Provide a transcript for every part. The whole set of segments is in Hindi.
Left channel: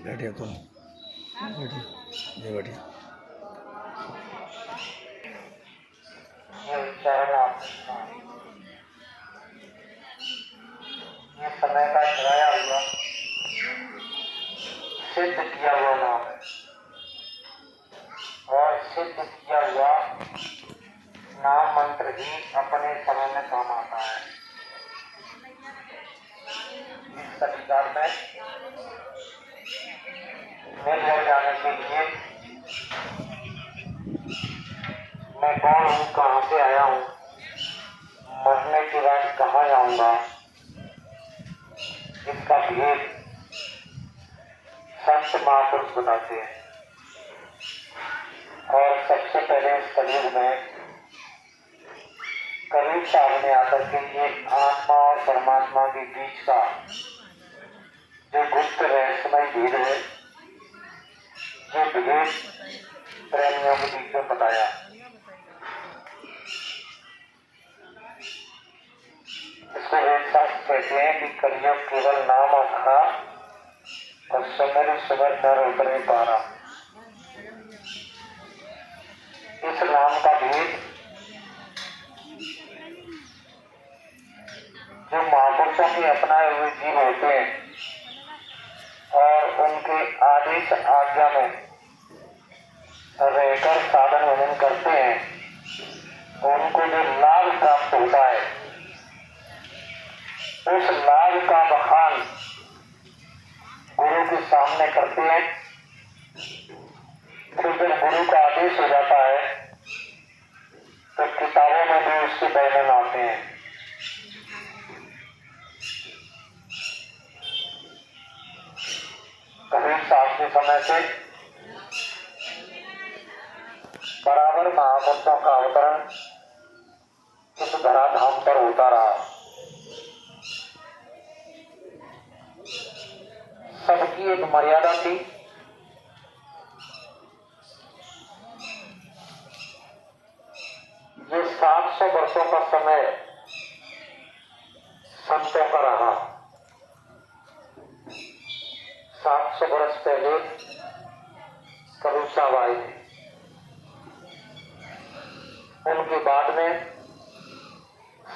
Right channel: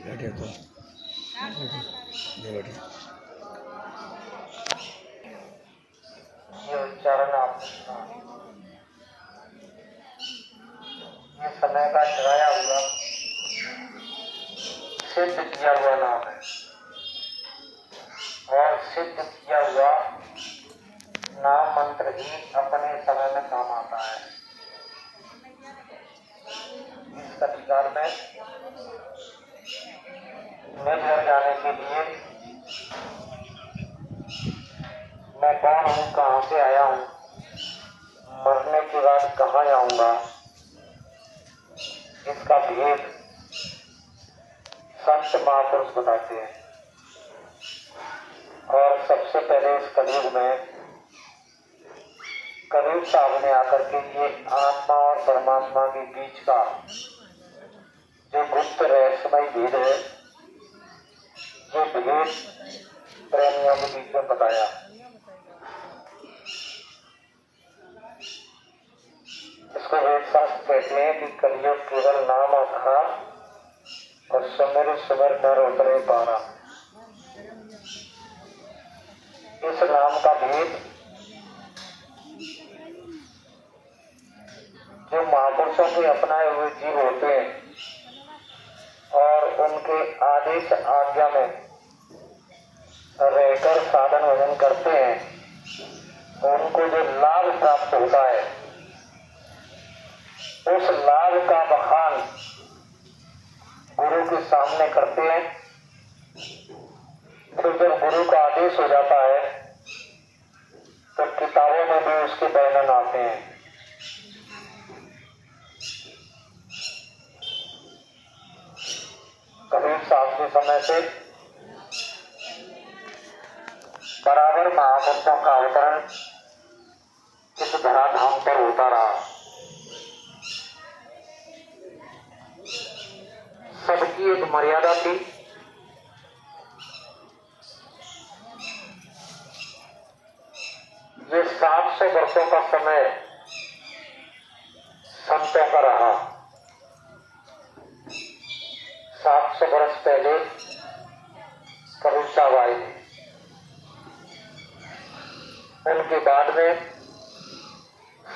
बैठे तो बैठे ये उच्चारण ये समय का छाया हुआ सिद्ध किया हुआ नाम है और सिद्ध किया हुआ नाम मंत्र ही अपने समय में काम आता है। इस अधिकार में मिल जाने के लिए मैं कौन हूँ, कहाँ से आया हूँ, मरने के बाद कहाँ जाऊंगा, इसका भेद संत महापुरुष बताते हैं। और सबसे पहले इस कलयुग में कबीर साहब ने आकर के ये आत्मा और परमात्मा के बीच का जो गुप्त रहस्यमय भेद है, जो भेद प्रेमियों के बीच में बताया। इसको वेद शास्त्र कहते हैं कि कलयुग केवल नाम आधारा और सुमिर सुमिर नर उतरे पारा। इस नाम का भेद जो महापुरुषों के अपनाए हुए जीव होते हैं और उनके आदेश आज्ञा में रहकर साधन भजन करते हैं, उनको जो लाभ प्राप्त होता है, उस लाभ का बखान गुरु के सामने करते हैं। फिर जब गुरु का आदेश हो जाता है तो किताबों में भी उसके वर्णन आते हैं। कबीर साहब के समय से बराबर महापुरुषों का अवतरण इस धराधाम पर होता रहा। सबकी एक मर्यादा थी। ये 700 वर्षों का समय संतों का रहा। 700 वर्ष पहले कबीर साहब आए थे। उनके बाद में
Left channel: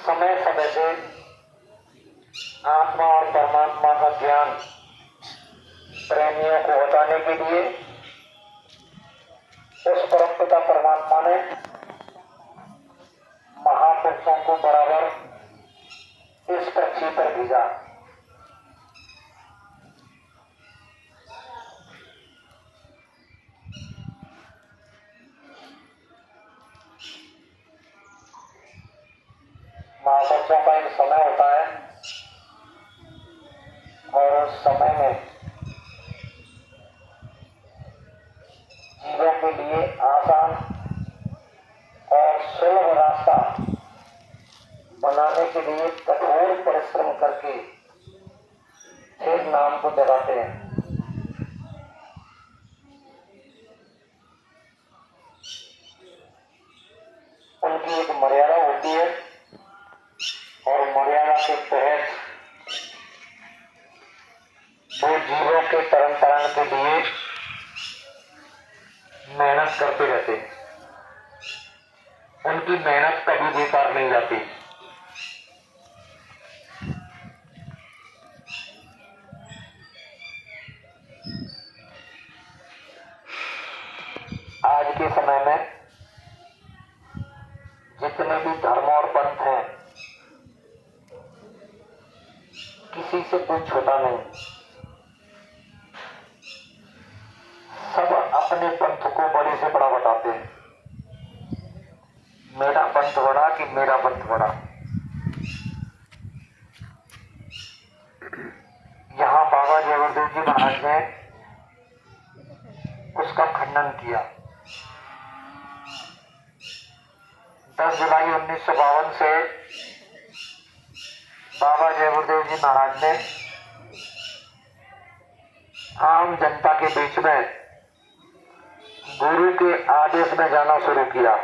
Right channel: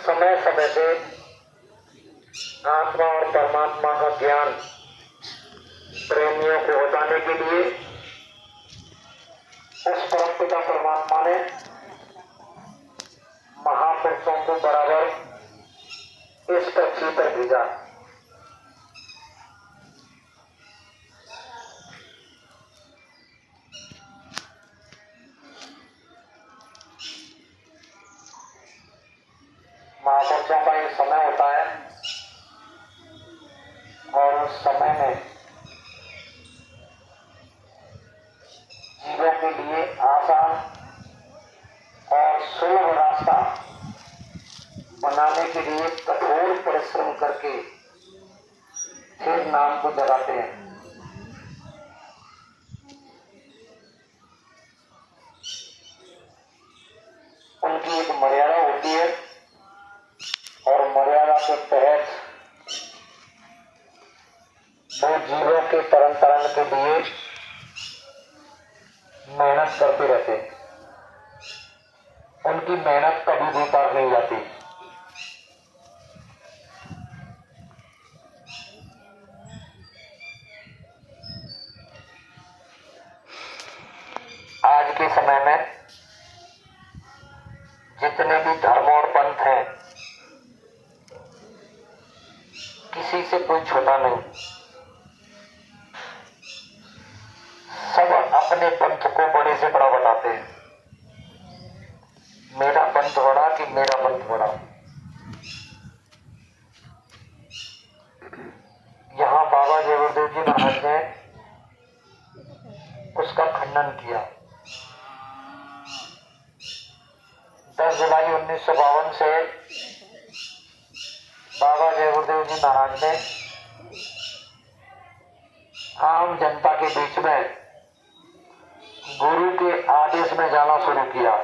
समय समय से आत्मा और परमात्मा का ज्ञान प्रेमियों को बताने के लिए उस परम पिता परमात्मा ने महापुरुषों को बराबर इस पृथ्वी पर भेजा। महापुरुषों का एक समय होता है और उस समय में जीवों के लिए आसान और सुलभ रास्ता बनाने के लिए कठोर परिश्रम करके फिर नाम को जगाते हैं। उनकी एक मर्यादा होती है और मर्यादा के तहत के लिए मेहनत करते रहते, उनकी मेहनत कभी बेकार नहीं जाती। आज के समय में जितने भी धर्म और पंथ हैं, किसी से कोई छोटा नहीं, सब अपने पंथ को बड़े से बड़ा बताते हैं। मेरा पंथ बड़ा कि मेरा पंथ बड़ा। यहाँ बाबा जय गुरुदेव जी महाराज ने उसका खंडन किया। 10 जुलाई 1952 से बाबा जय गुरुदेव जी महाराज ने आम जनता के बीच में गुरु के आदेश में जाना शुरू किया।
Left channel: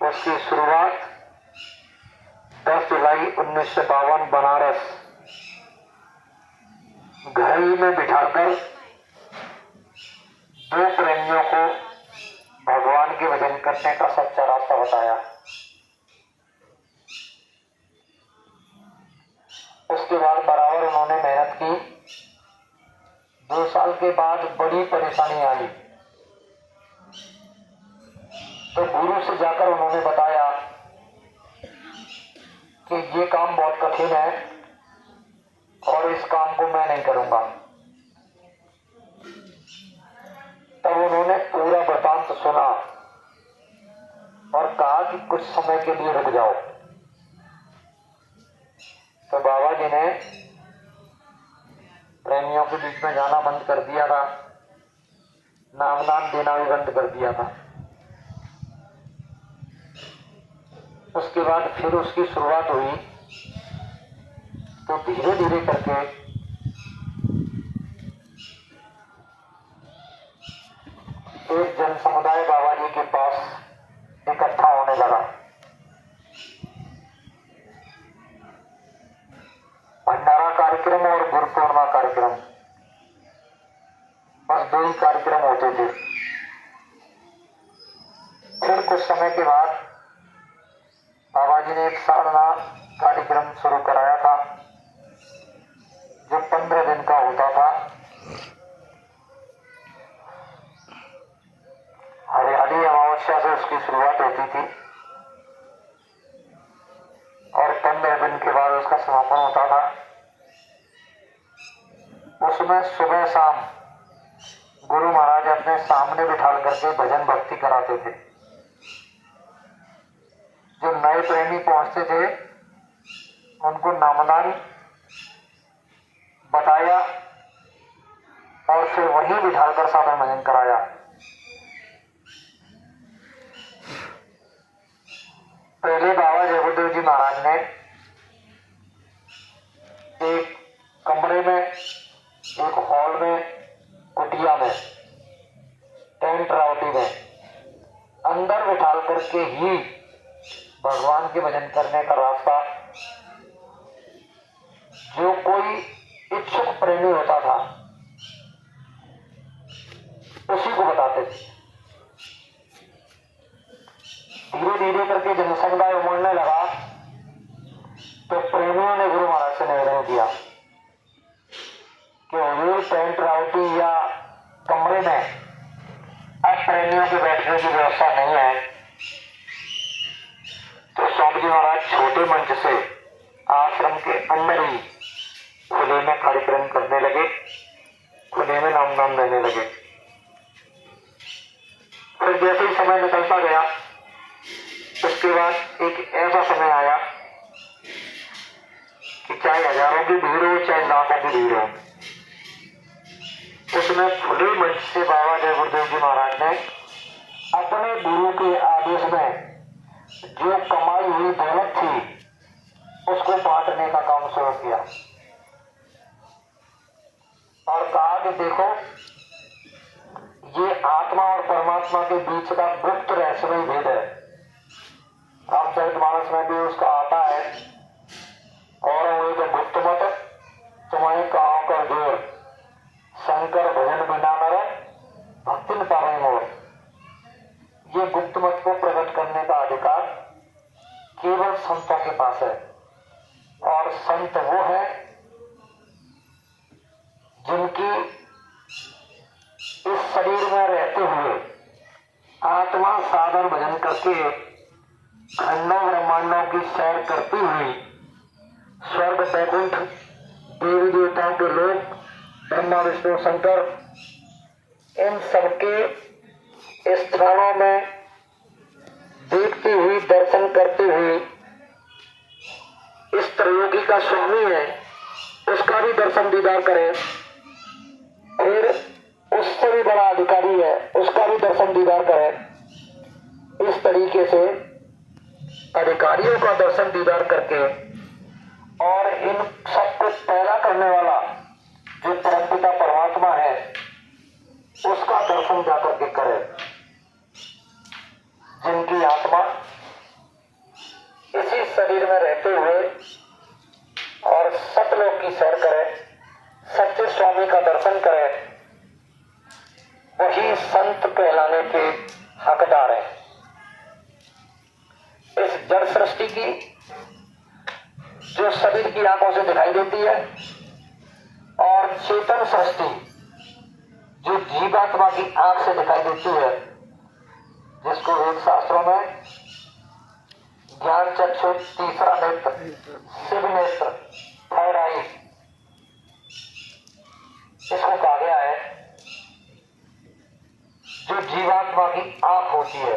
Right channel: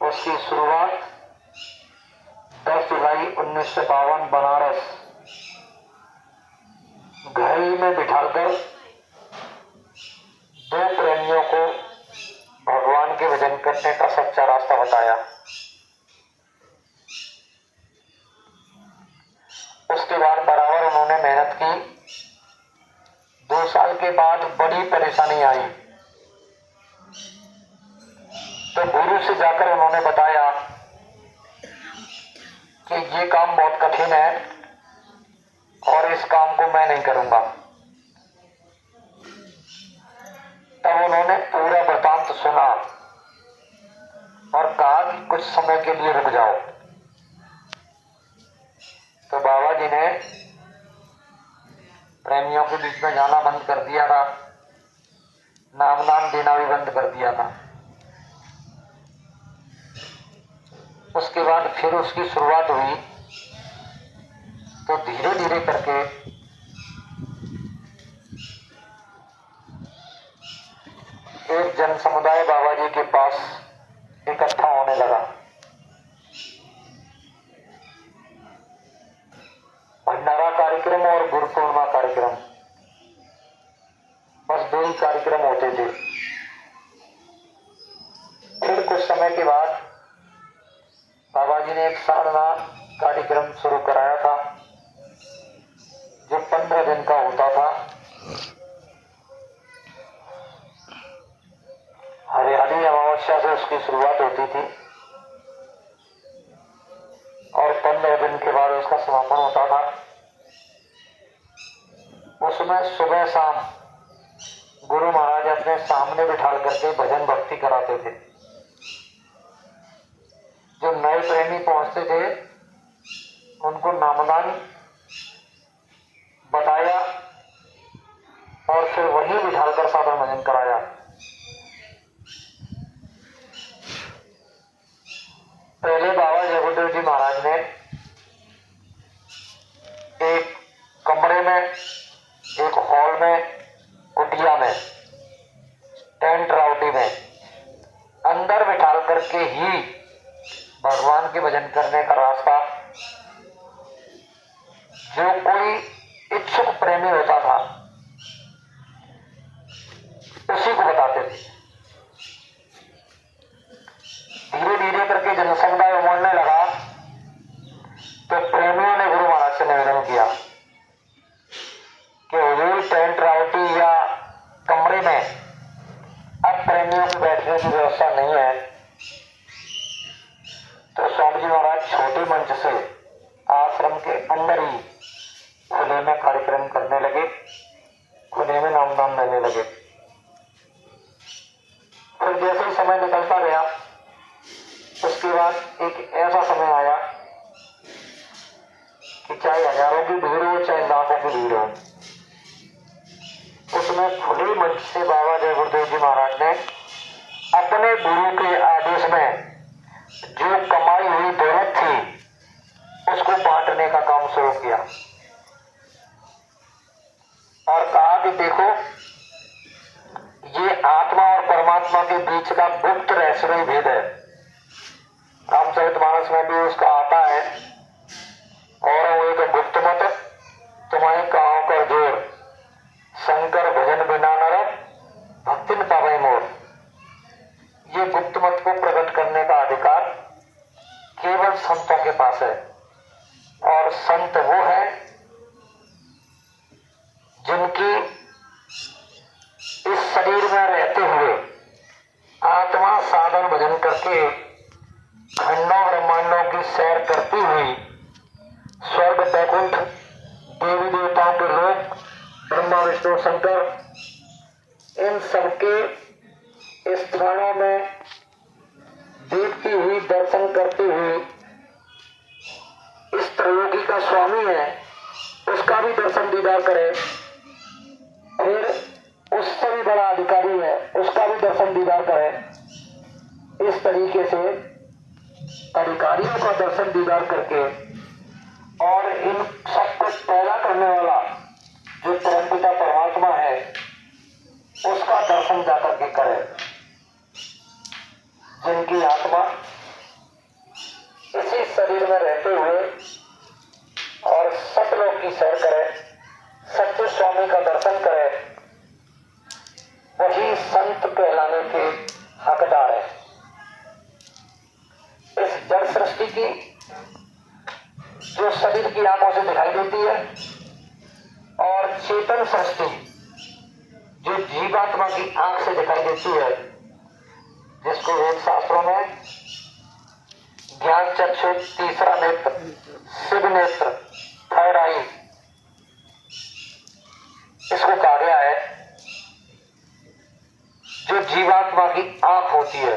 उसकी शुरुआत 10 जुलाई 1952 बनारस घड़ी में बिठाकर 2 प्रेमियों को भगवान के भजन करने का सच्चा रास्ता बताया। उसके बाद बराबर उन्होंने मेहनत की। 2 साल के बाद बड़ी परेशानी आई तो गुरु से जाकर उन्होंने बताया कि ये काम बहुत कठिन है और इस काम को मैं नहीं करूंगा। तब उन्होंने पूरा वृतांत सुना और कहा कि कुछ समय के लिए रुक जाओ। तो बाबा जी ने प्रेमियों के बीच में जाना बंद कर दिया था, नाम देना भी बंद कर दिया था। उसके बाद फिर उसकी शुरुआत हुई तो धीरे धीरे करके एक जन समुदाय बाबा जी के पास इकट्ठा होने लगा। भंडारा कार्यक्रम और गुरु पूर्णिमा कार्यक्रम, बस 2 ही कार्यक्रम होते थे। फिर कुछ समय के बाद बाबा जी ने एक साधना कार्यक्रम शुरू कराया था जो 15 दिन का होता था। हरियाली अमावस्या से उसकी शुरुआत होती थी और 15 दिन के बाद उसका समापन होता था। उसमें सुबह शाम गुरु महाराज अपने सामने बिठाल करके भजन भक्ति कराते थे। जो नए प्रेमी पहुंचते थे उनको नामदान बताया और फिर वहीं बिठालकर साधन भजन कराया। पहले बाबा जय गुरुदेव जी महाराज ने एक कमरे में, एक हॉल में, कुटिया में, टेंट राउटी में अंदर बिठाल करके ही भगवान के भजन करने का रास्ता जो कोई इच्छुक प्रेमी होता था उसी को बताते थे। धीरे धीरे करके जनसमुदाय उमड़ने लगा तो प्रेमियों ने गुरु महाराज से निवेदन किया कि हुजूर टेंट राउटी या कमरे में अब प्रेमियों के बैठने की व्यवस्था नहीं है। तो स्वामी जी महाराज छोटे मंच से आश्रम के अंदर ही खुले में कार्यक्रम करने लगे, खुले में नाम देने लगे। फिर जैसे ही समय निकलता गया उसके बाद एक ऐसा समय आया कि चाहे हजारों की भीड़ हो चाहे लाखों की भीड़ हो, उसमें खुले मंच से बाबा जय गुरुदेव जी महाराज ने अपने गुरु के आदेश में जो कमाई हुई दौलत थी उसको बांटने का काम शुरू किया और कहा कि देखो ये आत्मा और परमात्मा के बीच का गुप्त रहस्यमय भेद है। रामचरितमानस में भी उसका आता है और वो एक गुप्त मत तुम्हें कहां कर जोर स्वर्ग वैकुंठ, देवी देवताओं के लोक, ब्रह्मा विष्णु शंकर, इन सबके स्थानों में देखती हुई, दर्शन करते हुए इस त्रयोगी का स्वामी है उसका भी दर्शन दीदार करे, फिर उससे भी बड़ा अधिकारी है उसका भी दर्शन दीदार करे। इस तरीके से अधिकारियों का दर्शन दीदार करके और इन सबको पैदा करने वाला जो परमपिता परमात्मा है उसका दर्शन जाकर के करे। जिनकी आत्मा इसी शरीर में रहते हुए और सतलोक की सैर करे, सच्चे स्वामी का दर्शन करे, वही संत कहलाने के हकदार है। इस जड़ सृष्टि की जो शरीर की आंखों से दिखाई देती है और चेतन सृष्टि जो जीवात्मा की आंख से दिखाई देती है, जिसको वेद शास्त्रों में ज्ञान चक्षु, तीसरा नेत्र, शिव नेत्र, थर्ड आई, इसको कहा गया है। जो जीवात्मा की आंख होती है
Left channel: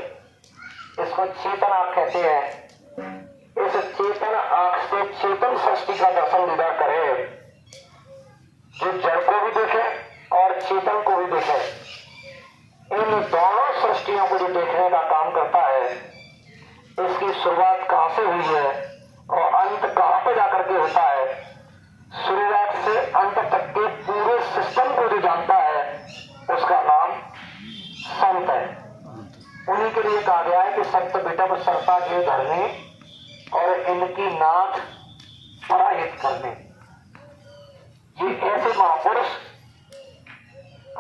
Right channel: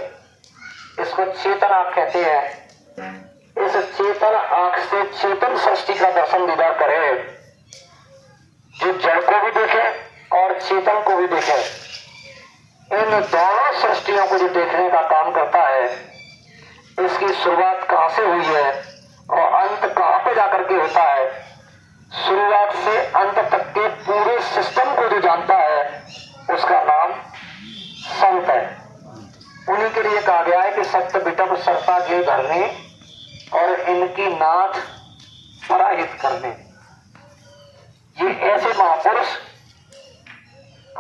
इसको चेतन आंख कहते हैं। इस चेतन आंख से चेतन सृष्टि का दर्शन दीदार करे, जो जड़ को भी देखे और चेतन को भी देखे। इन दोनों सृष्टियों को जो देखने का काम करता है, इसकी शुरुआत कहां से हुई है और अंत कहां पे जाकर के होता है, शुरुआत से अंत तक के पूरे सिस्टम को जो जानता है उसका नाम संत है। उन्हीं के लिए कहा गया है कि सत्य बिटम सरता के धरने और इनकी नाथ पराहित करने। ये ऐसे महापुरुष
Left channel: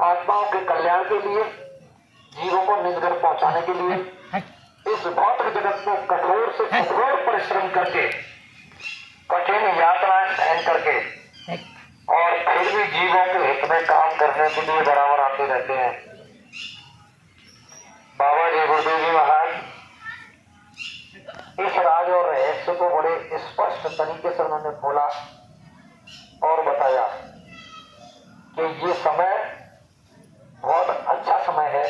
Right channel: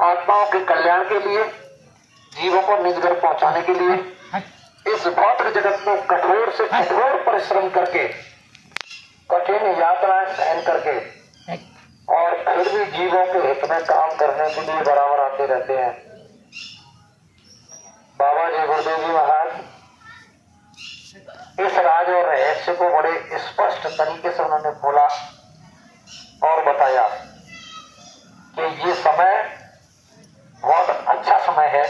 आत्माओं के कल्याण के लिए, जीवों को निज घर पहुंचाने के लिए इस भौतिक जगत में कठोर से कठोर परिश्रम करके, कठिन यात्राएं सहन करके और फिर भी जीवों के हित में काम करने के लिए बराबर आते रहते हैं। बाबा जी गुरुदेव जी महाराज इस राज और रहस्य को बड़े स्पष्ट तरीके से उन्होंने बोला और बताया कि ये समय बहुत अच्छा समय है।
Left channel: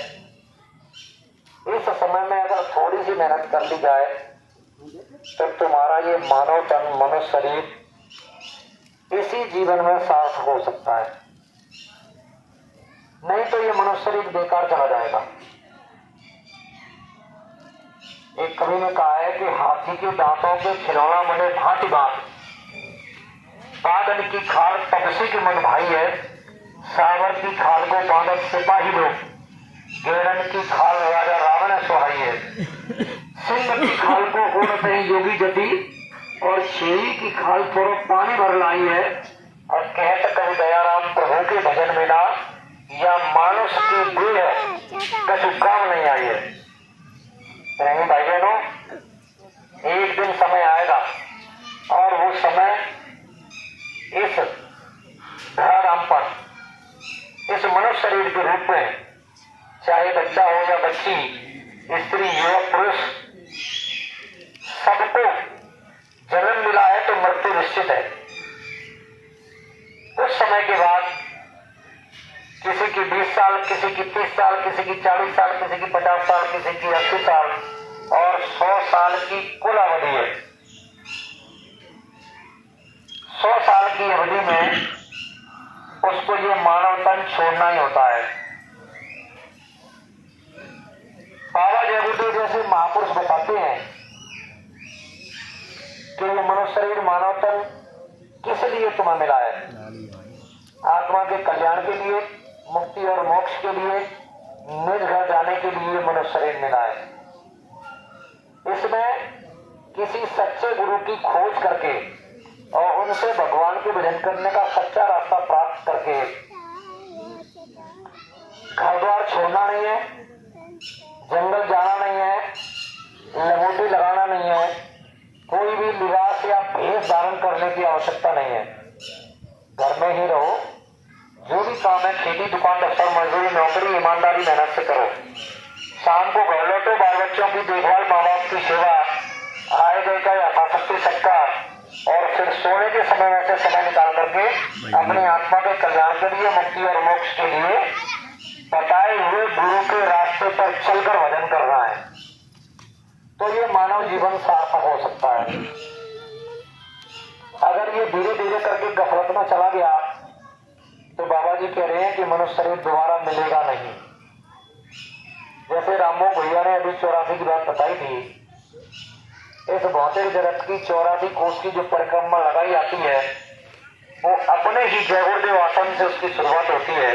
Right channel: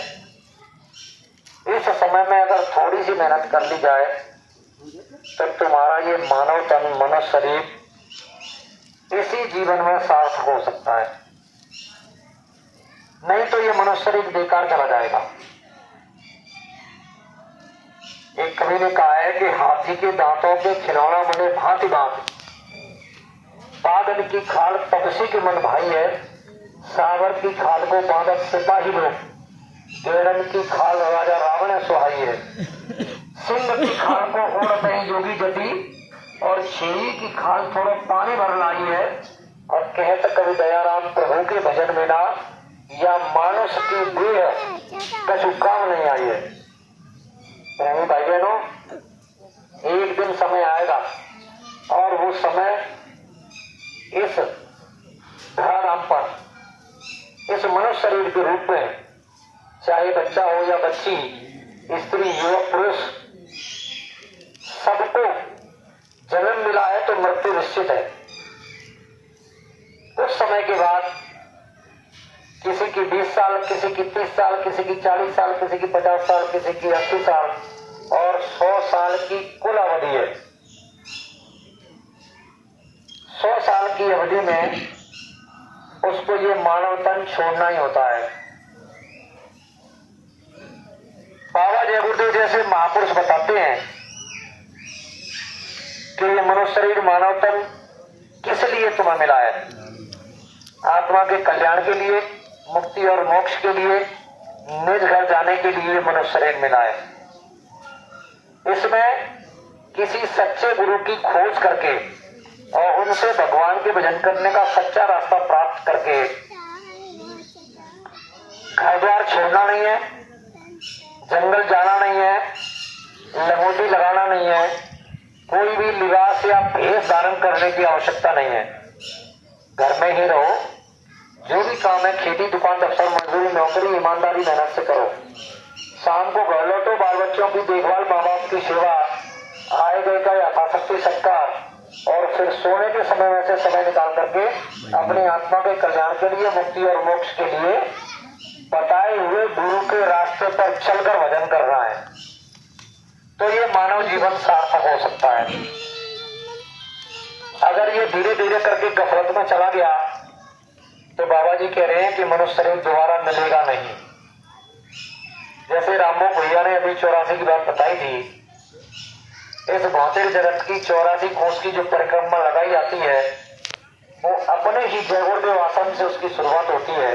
इस समय में अगर थोड़ी सी मेहनत कर ली जाए तो तुम्हारा ये मानव तन, मनुष्य शरीर इसी जीवन में सार्थक हो सकता है, नहीं तो ये मनुष्य शरीर बेकार चला जाएगा। एक कवि ने कहा है कि हाथी के दांतों के खिलौना बने भांति भांति, बादल की खाल पक्षी के मन भाई है, सावर की खाल को बादल सिपाही लोग, गेड़न की खाल राजा रावण सुहाई है, सिंह की खाल को उड़ते हैं योगी जति और शेरी की खाल थोड़ा पानी भर लाई है। और कहत कवि दयाराम प्रभु के भजन में ना या मानुष की देह है कछु काम नहीं आई है। नहीं भाई बहनों, एक दिन समय आएगा और वो समय इस धराधाम पर, इस मनुष्य शरीर के रूप में, चाहे बच्चा हो या बच्ची, स्त्री, युवक, पुरुष, सबको जन्म मिला है तो मृत्यु निश्चित है। उस समय के बाद किसी की 20 साल, किसी की 30 साल, किसी की 40 साल, किसी की 50 साल, किसी की 80 साल और 100 साल की कुल अवधि है। 100 साल की अवधि में उसको ये मानव तन छोड़ना ही होता है। बाबा जय गुरुदेव जैसे महापुरुष बताते हैं कि ये मनुष्य शरीर, मानव तन किस लिए तुम्हें मिला है? आत्मा के कल्याण के लिए, मुक्ति और मोक्ष के लिए, निज घर जाने के लिए मनुष्य शरीर मिला है। इसमें किसी सच्चे गुरु की खोज करके और उनसे भगवान के भजन करने का सच्चा रास्ता प्राप्त करके घर द्वार छोड़ना नहीं है, जंगल जाना नहीं है, लंगोटी लगाना नहीं है, कोई भी लिबास या भेष धारण करने की आवश्यकता नहीं है। घर में ही रहो, जो भी काम है, खेती, दुकान, दफ्तर, मजदूरी, नौकरी, ईमानदारी मेहनत से करो। शाम को घर लौटो, बाल बच्चों की देखभाल, माँ बाप की सेवा, आए गए का यथाशक्ति सत्कार और फिर सोने के समय में से समय निकाल करके अपने आत्मा के कल्याण के लिए, मुक्ति और मोक्ष के लिए बताए हुए गुरु के रास्ते पर चलकर भजन कर रहा है, तो ये मानव जीवन सार्थक हो सकता है। अगर ये धीरे धीरे करके गफलत में चला गया तो बाबा जी कह रहे हैं कि मनुष्य शरीर दोबारा मिलेगा नहीं। जैसे रामो भैया ने अभी 84 की बात बताई थी, इस भौतिक जगत की 84 कोष की जो परिक्रमा लगाई जाती है वो अपने ही जयगुरुदेव आश्रम से उसकी शुरुआत होती है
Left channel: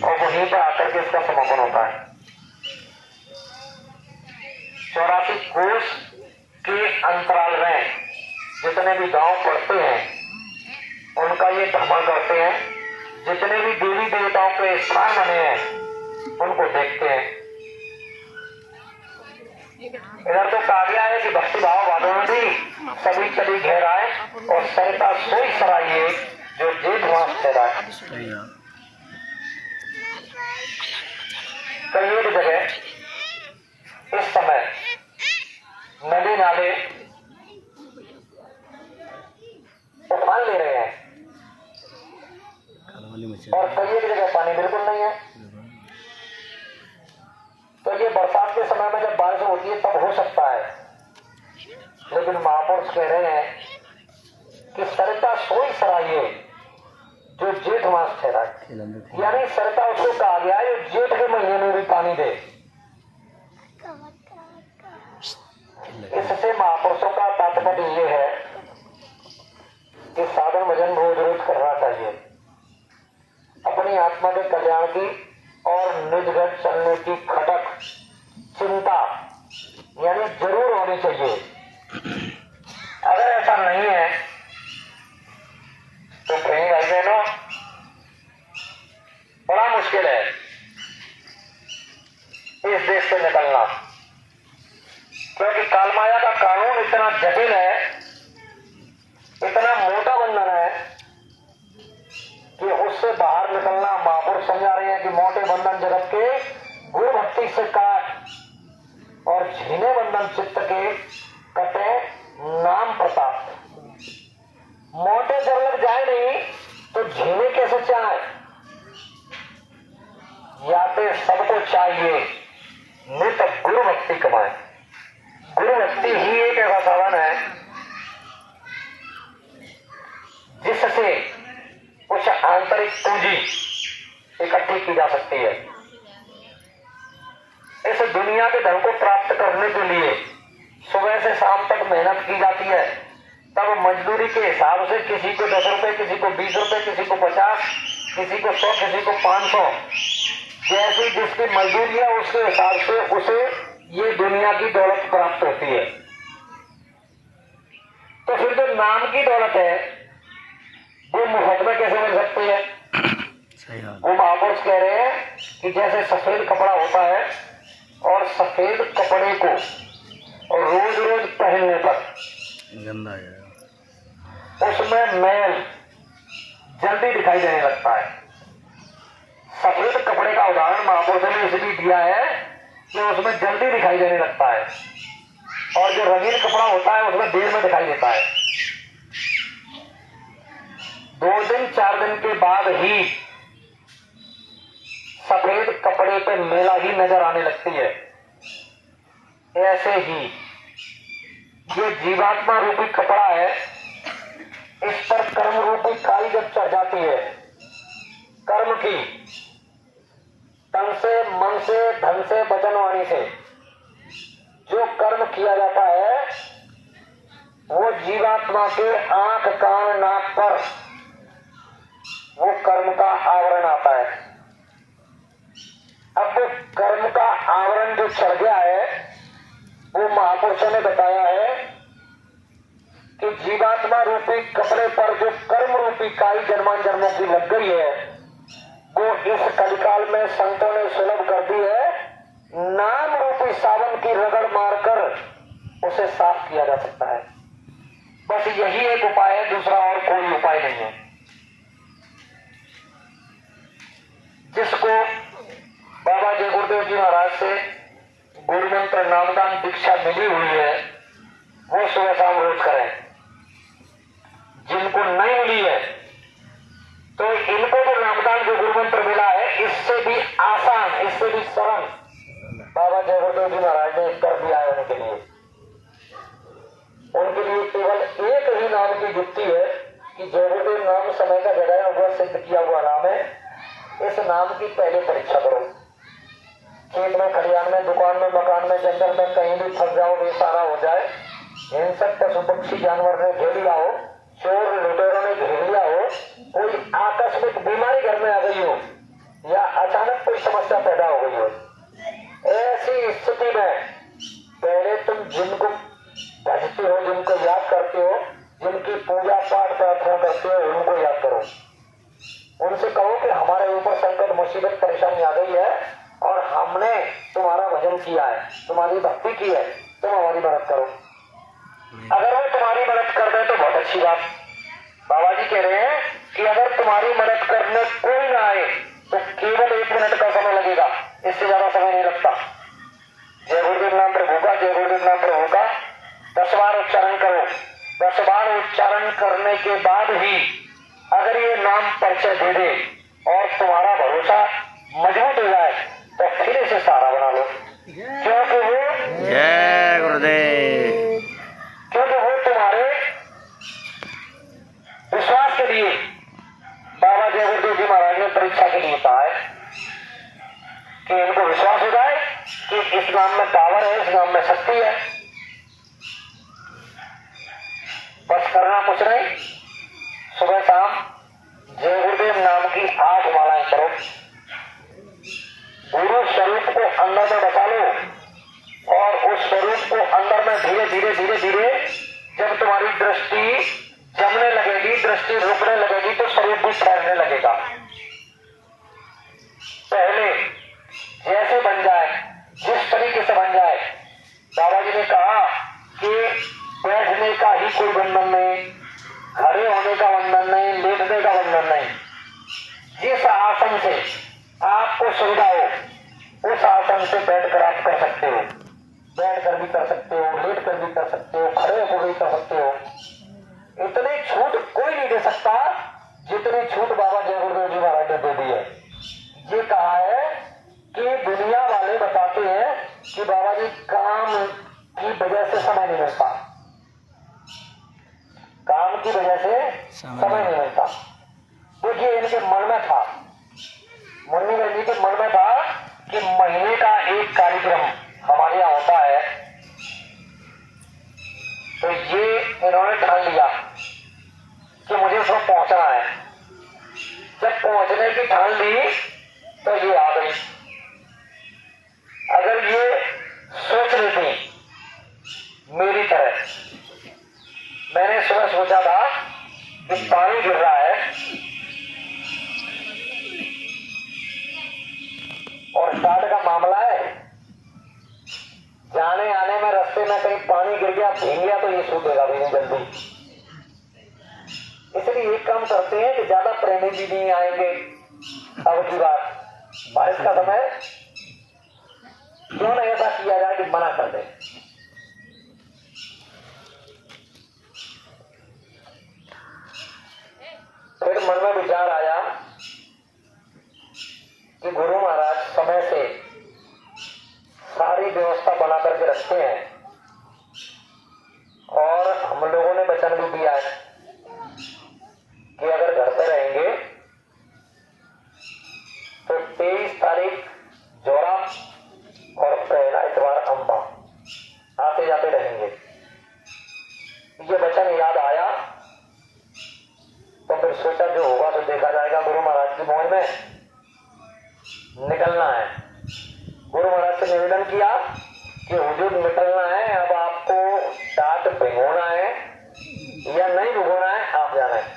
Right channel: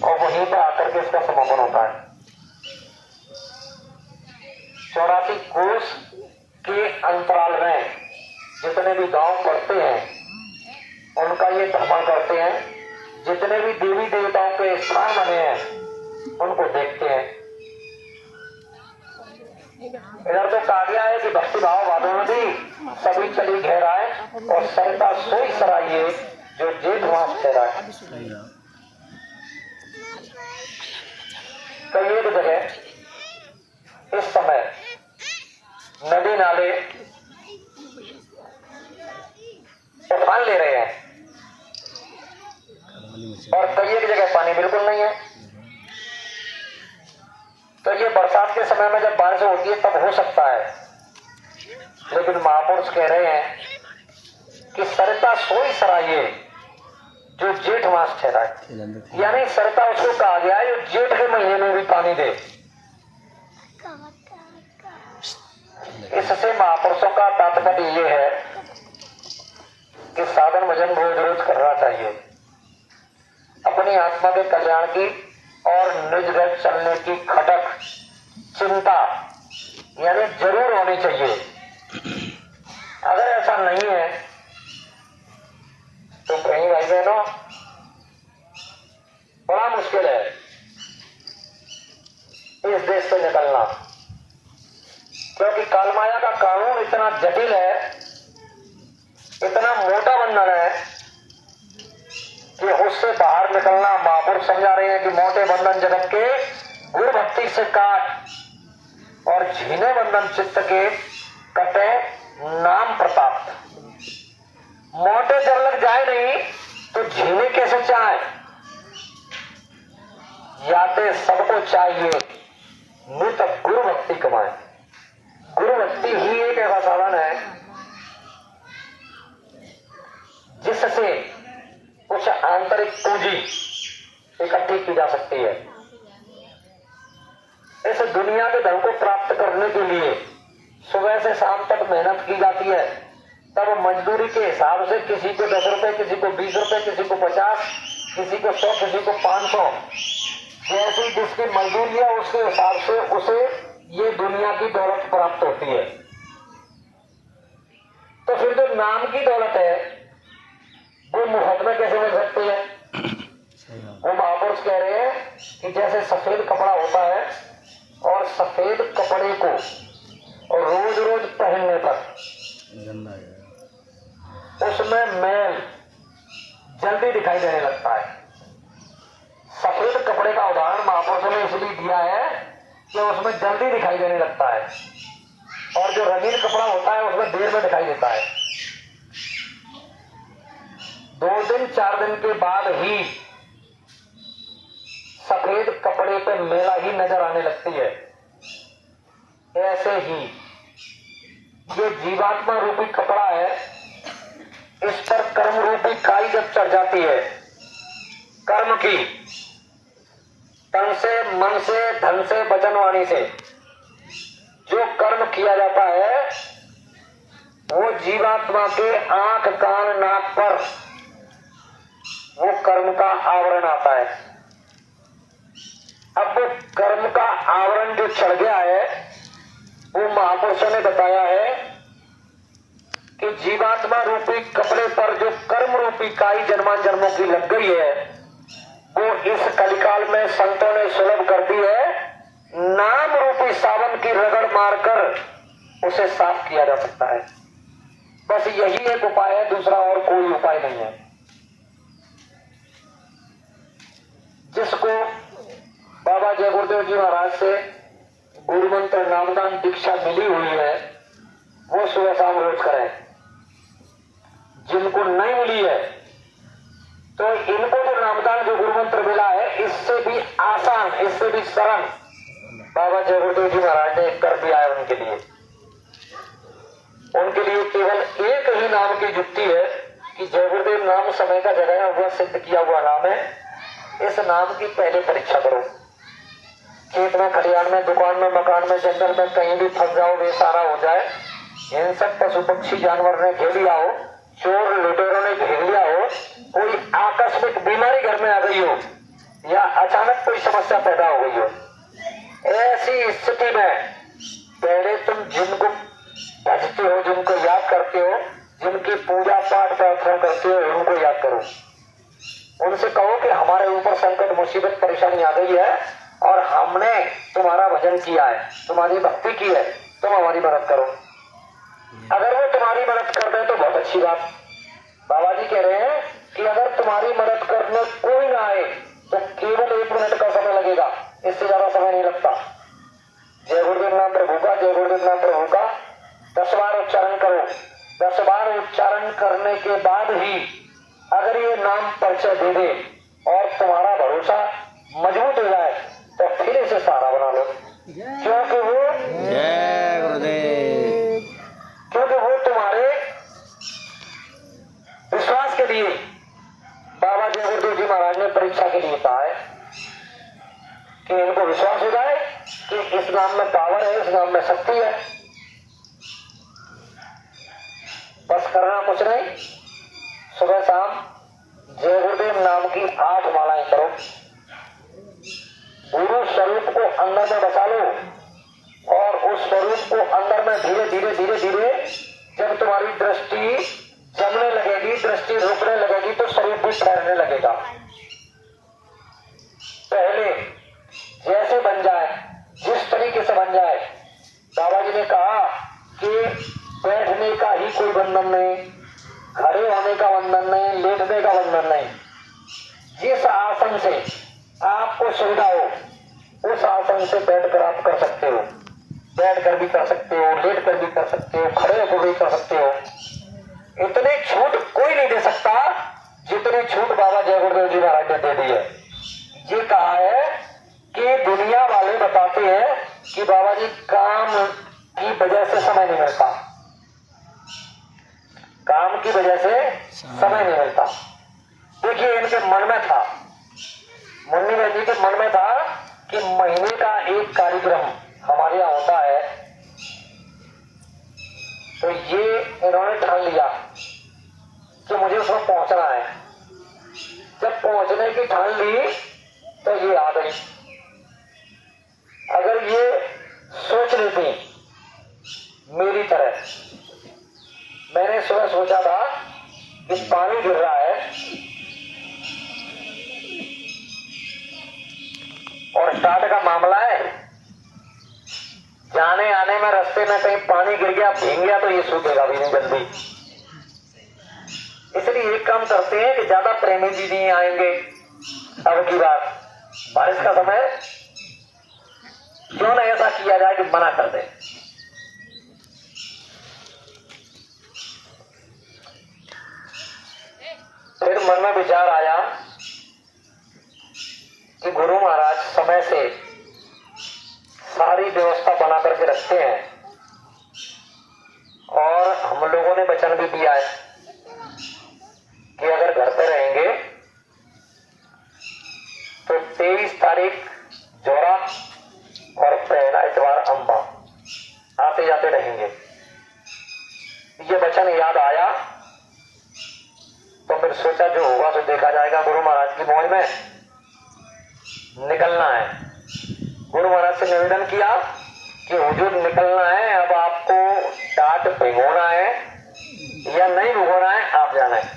और वहीं पर आकर के इसका समापन होता है। 84 कोष के अंतराल में जितने भी गांव पड़ते हैं उनका ये भ्रमण करते हैं, जितने भी देवी देवताओं के स्थान बने हैं उनको देखते हैं। इधर तो कहा गया है कि भक्ति भाव वालों में भी सभी चली गहराए और सरिता सोई सराइए जो जेठ मास ठहराए। कई एक जगह इस समय नदी नाले उफान ले रहे हैं और कई एक जगह पानी बिल्कुल नहीं है। तो ये बरसात के समय में जब बारिश होती है तब हो सकता है, लेकिन महापुरुष कह रहे हैं कि सरिता सोई सराइए जो जेठ मास ठहराए, यानी सरिता उसको कहा गया है जो जेठ के महीने में भी पानी दे। इससे महापुरुषों का तात्पर्य ये है कि साधन भजन रोज रोज करना चाहिए, अपनी आत्मा के कल्याण की और निज घर चलने की खटक चिंता यानी जरूर होनी चाहिए। अगर ऐसा नहीं है तो कहीं भाई बहनों बड़ा मुश्किल है इस देश से निकलना, क्योंकि कालमाया का कानून इतना जटिल है, इतना मोटा बंधन है कि उससे बाहर निकलना महापुरुष समझा रहे हैं कि मोटे बंधन जगत के गुरु भक्ति से काट और झीने बंधन चित्त के कटे नाम प्रताप। मोटे जब लग जाए नहीं तो झीने कैसे चाहे, याते सबको चाहिए नित गुरु भक्ति कमाए। गुरु भक्ति ही एक ऐसा साधन है जिससे कुछ आंतरिक पूंजी इकट्ठी की जा सकती है। इस दुनिया के धन को प्राप्त करने के लिए सुबह से शाम तक मेहनत की जाती है, तब मजदूरी के हिसाब से किसी को 10 रुपए, किसी को 20 रुपए, किसी को 50, किसी को 100, किसी को 500, जैसी जिसकी मजदूरी है उसके हिसाब से उसे ये दुनिया की दौलत प्राप्त होती है। तो फिर जो नाम की दौलत है वो मुफ्त में कैसे मिल सकती है? वो महापुरुष कह रहे हैं कि जैसे सफेद कपड़ा होता है और सफेद कपड़े को और रोज रोज पहनने पर गंदा उसमें मैल जल्दी दिखाई देने लगता है। सफेद कपड़े का उदाहरण महापुरुषों ने इसलिए दिया है कि उसमें जल्दी दिखाई देने लगता है, और जो रंगीन कपड़ा होता है उसमें देर में दिखाई देता है। 2 दिन 4 दिन के बाद ही सफेद कपड़े पे मेला ही नजर आने लगती है। ऐसे ही ये जीवात्मा रूपी कपड़ा है, इस पर कर्म रूपी काई जब चढ़ जाती है, कर्म की तन से, मन से, धन से, वचन वाणी से जो कर्म किया जाता है वो जीवात्मा के आंख कान नाक पर वो कर्म का आवरण आता है। अब वो कर्म का आवरण जो चढ़ गया है वो महापुरुषों ने बताया है कि जीवात्मा रूपी कपड़े पर जो कर्म रूपी काई जन्मान जन्मों की लग गई है वो इस कलिकाल में संतों ने सुलभ कर दी है। नाम रूपी सावन की रगड़ मारकर उसे साफ किया जा सकता है। बस यही एक उपाय है, दूसरा और कोई उपाय नहीं है। जिसको बाबा जय गुरुदेव जी महाराज से गुरु मंत्र नामदान दीक्षा मिली हुई है वो सुबह शाम रोज करें। जिन से भी शरण बाबा जय गुरुदेव जी महाराज ने कर दिया है उनके लिए। उनके लिए केवल एक ही नाम की युक्ति है कि जय गुरुदेव नाम समय का जगाया हुआ सिद्ध किया हुआ नाम है। इस नाम की पहले परीक्षा करो। खेत में, खलिहान में, दुकान में, मकान में, जंगल में कहीं भी फंस जाओ, बेसहारा हो जाए, हिंसक पशु पक्षी जानवर ने घेर लिया हो, चोर लुटेरों ने घेर लिया हो, कोई आकस्मिक बीमारी घर में आ गई हो या अचानक कोई समस्या पैदा हो गई हो, ऐसी स्थिति में पहले तुम जिनको भजते हो, जिनको याद करते हो, जिनकी पूजा पाठ प्रार्थना करते हो, उनको याद करो। उनसे कहो कि हमारे ऊपर संकट मुसीबत परेशानी आ गई है और हमने तुम्हारा भजन किया है, तुम्हारी भक्ति की है, तुम हमारी मदद करो। अगर वो तुम्हारी मदद कर दे तो बहुत अच्छी बात। बाबा जी कह रहे हैं कि अगर तुम्हारी मदद करने कोई ना आए तो केवल 1 मिनट का समय लगेगा, इससे ज्यादा समय नहीं लगता। जय गुरुदेव नाम प्रभु का, जय गुरुदेव नाम प्रभु का 10 बार उच्चारण करो। 10 बार उच्चारण करने के बाद ही अगर ये नाम परिचय दे दे और तुम्हारा भरोसा मजबूत हो जाए तो फिर इसे सहारा बना लो, क्योंकि वो तुम्हारे विश्वास के लिए बाबा जय गुरुदेव जी महाराज ने परीक्षा के लिए कहा है कि इनको विश्वास हो जाए कि इस नाम में पावर है, इस नाम में शक्ति है। बस करना कुछ नहीं, सुबह शाम जय गुरुदेव नाम की 8 मालाएं करो। गुरु स्वरूप को अंदर में बसा लो और उस स्वरूप को अंदर में धीरे धीरे धीरे धीरे जब तुम्हारी दृष्टि जमने लगेगी, दृष्टि रुकने लगेगी तो स्वरूप भी फैलने लगेगा। पहले जैसे बन जाए, जिस तरीके से बन जाए। बाबा जी ने कहा कि बैठने का ही कोई बंधन नहीं, खड़े होने का बंधन नहीं, लेटने का बंधन नहीं। जिस आसन से आपको सुविधा हो उस आसन से बैठकर आप कर सकते हो, बैठ कर भी कर सकते हो, लेट कर भी कर सकते हो, खड़े होकर भी कर सकते हो। इतनी छूट कोई नहीं दे सकता जितनी छूट बाबा जय गुरुदेव जी महाराज ने दे दी है। ये कहा है कि दुनिया वाले बताते हैं कि बाबा जी काम की वजह से समय नहीं मिलता, काम की वजह से समय नहीं मिलता। देखिए इनके मन में था, मुन्नी बहन जी के मन में था कि महीने का एक कार्यक्रम हमारे यहाँ होता है, तो ये इन्होंने ठान लिया कि मुझे उसमें पहुंचना है। जब पहुंचने की ठान ली तो ये आ गई। अगर ये सोच रही थी मेरी तरह, मैंने सुबह सोचा था कि पानी गिर रहा है और स्टार्ट का मामला है, जाने आने में रास्ते में कहीं पानी गिर गया, भीग गया तो ये सूखेगा भी नहीं जल्दी। इसलिए एक काम करते हैं कि ज्यादा प्रेमी जी नहीं आएंगे अब की बार, बारिश का समय, क्यों नहीं ऐसा किया जाए कि मना कर दे। फिर मन में विचार आया कि गुरु महाराज समय से सारी व्यवस्था बना करके रखते हैं और हम लोगों ने वचन भी दिया है कि अगर घर पे रहेंगे तो 23 तारीख जोरा और पहला इतवार अम्बा आते जाते रहेंगे। ये वचन याद आया तो फिर सोचा जो होगा तो देखा जाएगा। गुरु महाराज की मौज में निकलना है। गुरु महाराज से निवेदन किया कि हुजूर निकलना है, अब आपको टाट भिगोना है या नहीं भिगोना है, आप जाना है।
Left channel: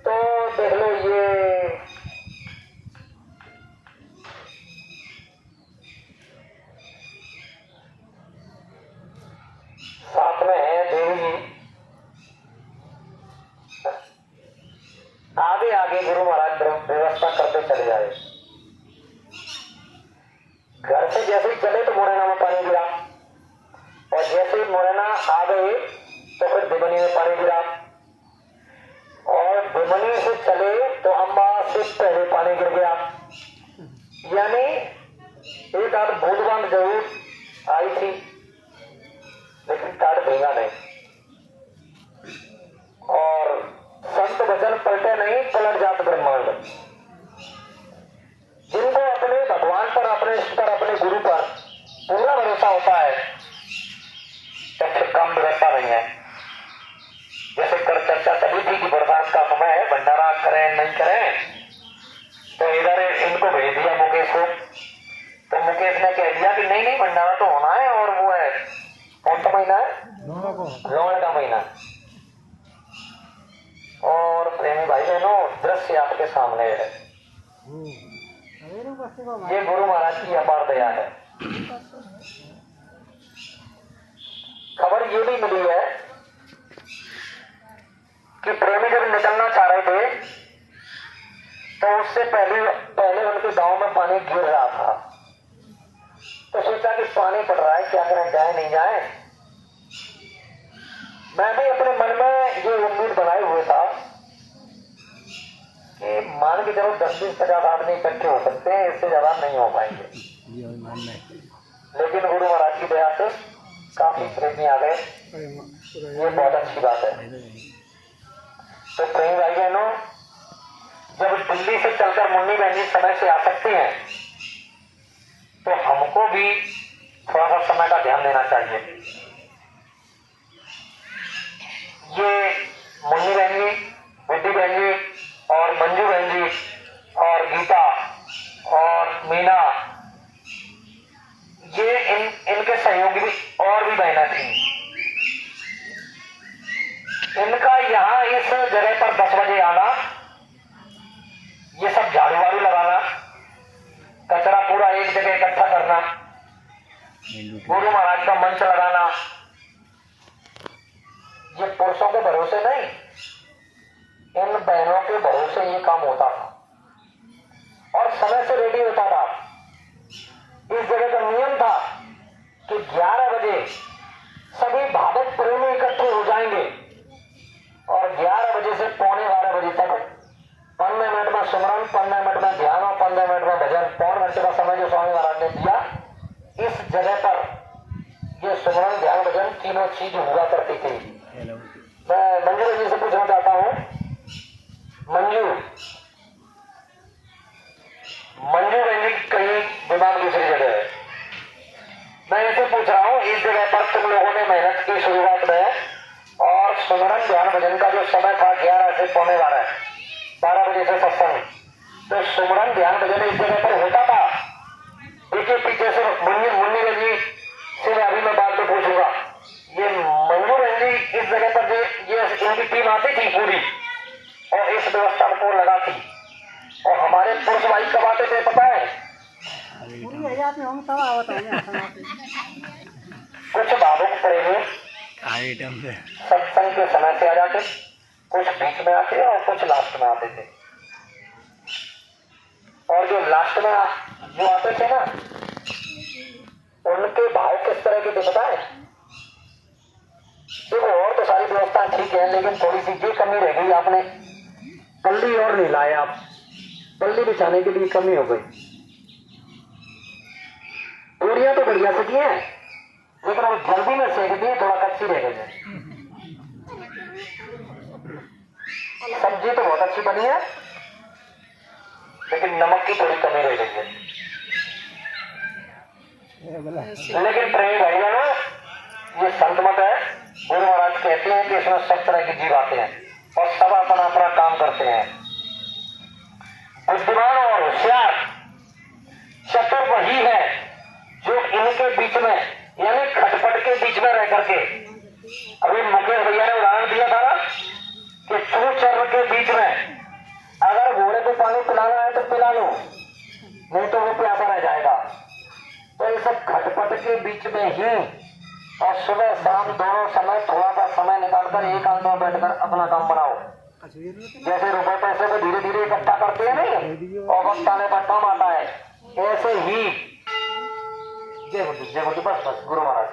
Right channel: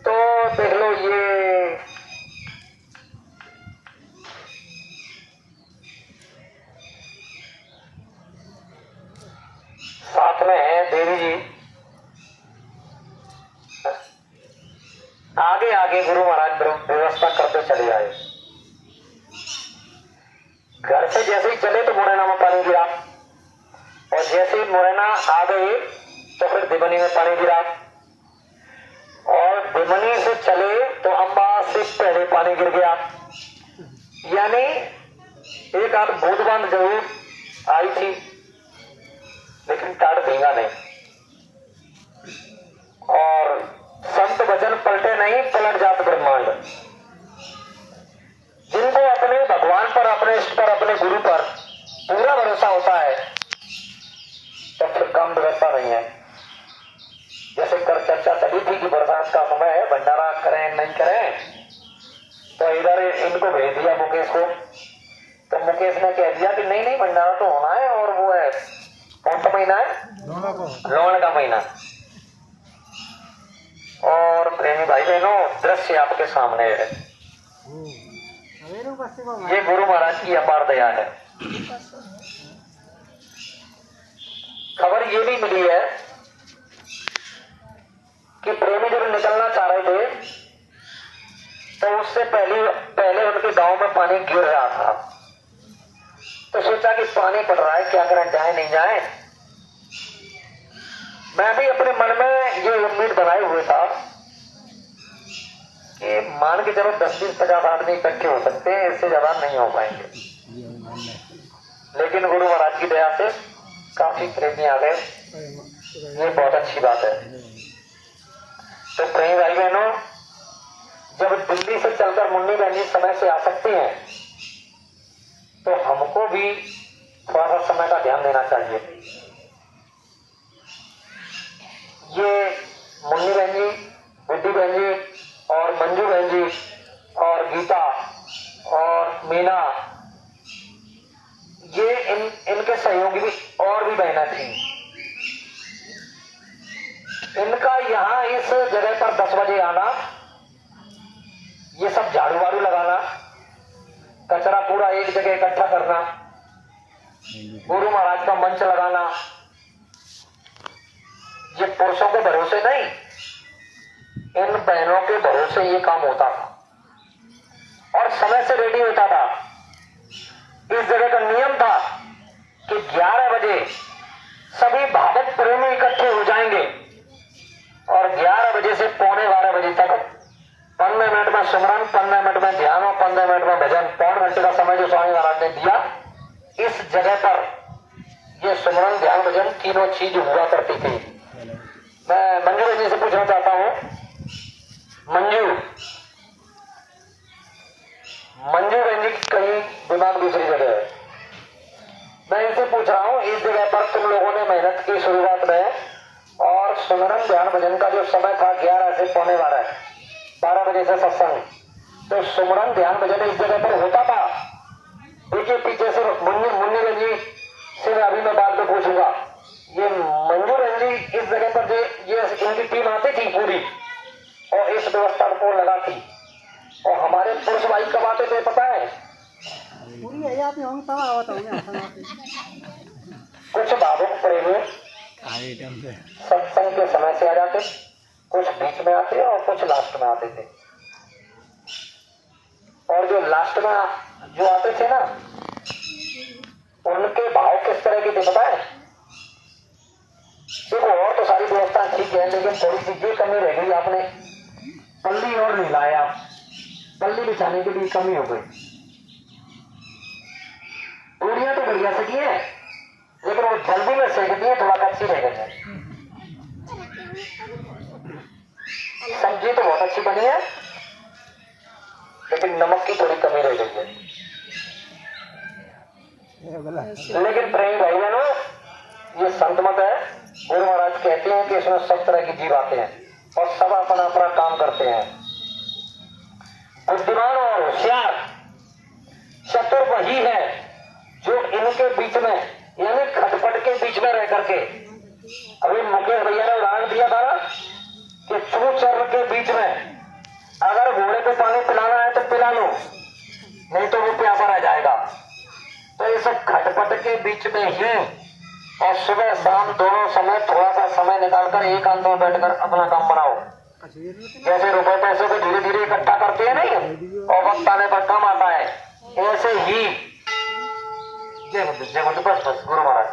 तो देख लो ये साथ में है देवी जी, आगे आगे गुरु महाराज व्यवस्था करते चले आए। घर से जैसे ही चले तो मुरैना में पानी गिरा और जैसे ही मुरैना आ गए तो फिर दिबनी में पानी गिरा और बेमनी से चले तो अम्बा से पहले पानी गिर गया, यानी एक आध बूंद जरूर आई थी लेकिन तट भींगा नहीं। और संत वचन पलटे नहीं, पलट जात ब्रह्मांड। जिनको अपने भगवान पर, अपने इष्ट पर, अपने गुरु पर पूरा भरोसा होता है तो फिर काम बिगड़ता नहीं है। जैसे कल चर्चा चली थी कि बरसात का समय है, भंडारा करें नहीं करें, तो इधर इनको भेज दिया मुकेश को। तो मुकेश ने कह दिया कि नहीं नहीं भंडारा तो होना है, और वो है कौन सा महीना है, लोन का महीना। और प्रेमी भाई बहनों, दृश्य आपके सामने है, ये गुरु महाराज की अपार दया है। खबर ये भी मिली है कि प्रेमी जब निकलना चाह रहे थे तो उससे पहले उनके गांव में पानी गिर रहा था। तो सोचा कि पानी पड़ रहा है, क्या करें, जाए नहीं जाए। मैं भी अपने मन में ये उम्मीद बनाए हुए था कि मान के चलो 10-20-50 आदमी इकट्ठे हो सकते हैं, इससे ज्यादा नहीं हो पाएंगे। लेकिन गुरु महाराज की दया से काफी प्रेमी आ गए, ये बहुत अच्छी बात है। तो प्रेमी भाई बहनों, जब दिल्ली से चलकर मुन्नी बहन जी समय से आ सकती हैं तो हमको भी थोड़ा सा समय का ध्यान देना चाहिए। ये मुन्नी बहन जी, बुद्धि बहन जी और मंजू बहन जी और गीता और मीना, ये इनके सहयोगी भी और भी बहनें थी। इनका यहाँ इस जगह पर 10 बजे आना, ये सब झाड़ू वाड़ू लगाना, कचरा पूरा एक जगह इकट्ठा करना, गुरु महाराज का मंच लगाना, ये पुरुषों के भरोसे नहीं, इन बहनों के भरोसे ये काम होता था। और समय से रेडी होता था। इस जगह का नियम था कि 11 बजे सभी भावक प्रेमी इकट्ठे हो जाएंगे और 11 बजे से 11:45 बजे तक 15 मिनट में सुमरन, 15 मिनट में ध्यान और 15 मिनट में भजन, 5 घंटे का समय जो स्वामी महाराज ने दिया, इस जगह पर ये सुमरन, ध्यान, भजन तीनों चीज हुआ करती थी। मैं मंजू जी से पूछना चाहता हूँ, मंजू जी कहीं दिमाग दूसरी जगह है। मैं इसे पूछ रहा हूँ, इस जगह पर तुम लोगों ने मेहनत की शुरुआत में, और सुमरन, ध्यान, भजन का जो समय था 11 से 11:45, 12 बजे से सत्संग, तो सुमरन, ध्यान, भजन इस जगह पर होता था। देखिए पीछे से मुन्नी जी से अभी मैं बात में पूछूंगा, ये मंजू बहन जी इस जगह पर ये इनकी टीम आती थी पूरी और इस व्यवस्था को लगाती। और हमारे पुरुष भाई कब आते थे पता है? कुछ भावुक प्रेमी सत्संग के समय से आ जाते, कुछ बीच में आते और कुछ लास्ट में आते थे। और जो लास्ट में जो आते थे ना, उनके भाव किस तरह के थे पता है? देखो और तो सारी व्यवस्था ठीक है, लेकिन थोड़ी सी ये कमी रह गई, आपने पल्ली और नहीं लाए, आप पल्ली बिछाने के लिए कमी हो गई। पूड़ियां तो बढ़िया से है, लेकिन वो जल्दी में सेक दिए, थोड़ा कच्ची रह गई है। सब्जी तो बहुत अच्छी बनी है, लेकिन नमक की थोड़ी कमी रह गई है। लेकिन प्रेमी भाई बहनों, ये संत मत है। गुरु महाराज कहते हैं कि इसमें सब तरह की जीव आते हैं और सब अपना अपना काम करते हैं। बुद्धिमान और होशियार चतुर वही है जो इनके बीच में, यानी खटपट के बीच में रह करके, अभी मुकेश भैया ने उदाहरण दिया था ना कि चूचर के बीच में अगर घोड़े को पानी पिलाना है तो पिला लो, नहीं तो वो प्यासा रह जाएगा। तो ये सब खटपट के बीच में ही, और सुबह शाम दोनों समय थोड़ा सा समय निकालकर एकांत में बैठकर अपना काम बनाओ। जैसे रुपए पैसे को धीरे धीरे इकट्ठा करते हैं नहीं, और वक्त आने पर काम आता है, ऐसे ही जय बुद्ध बस गुरु महाराज।